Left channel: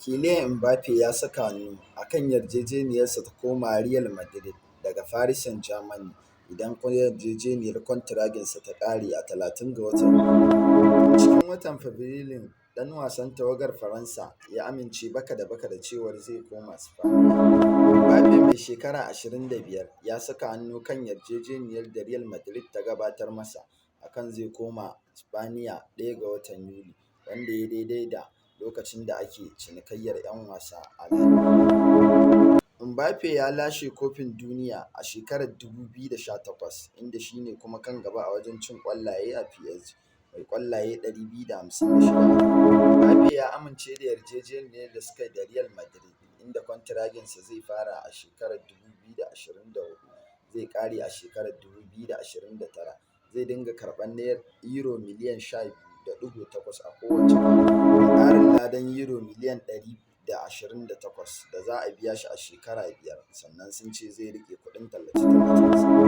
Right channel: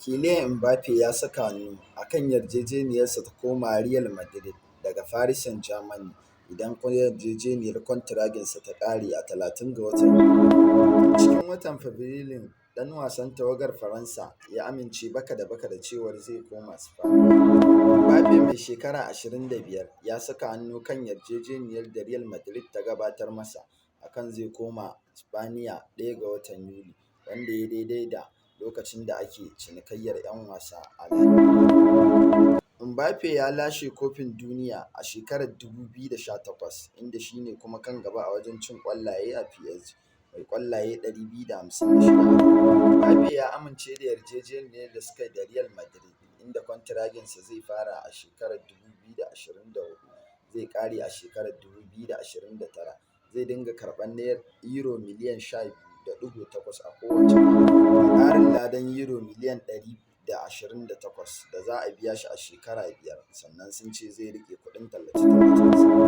Kylian Mbappe ya saka hannu a kan yarjejeniyarsa ta komawa Real Madrid daga Paris Saint-Germain idan yarjejeniyar kwantiraginsa ta ƙare a 30 ga watan Yuli. Cikin watan Fabrilun, ɗan wasan tawagar Faransa ya amince baka da baka da cewar zai koma Spaniya. Mbappe mai shekara 25 ya saka hannu kan yarjejeniyar da Real Madrid ta gabatar masa a kan zai koma Spaniya 1 ga watan Yuli, wanda ya daidai da lokacin da ake cinikayyar 'yan wasa a La Liga. Mbappe ya lashe Kofin Duniya a shekarar 2018, inda shi ne kuma kan gaba a wajen cin ƙwallaye a PSG, mai ƙwallaye 256. Mbappe ya amince da yarjejeniyar da suka yi da Real Madrid, inda kwantiraginsa zai fara a shekarar 2024 zai ƙare a shekarar 2029. Zai dinga karɓar Euro miliyan 12.8 a kowace kaka, da ƙarin ladan Euro miliyan 128 da za a biya shi a shekara biyar, sannan sun ce zai riƙe kuɗin tallace-tallacensa.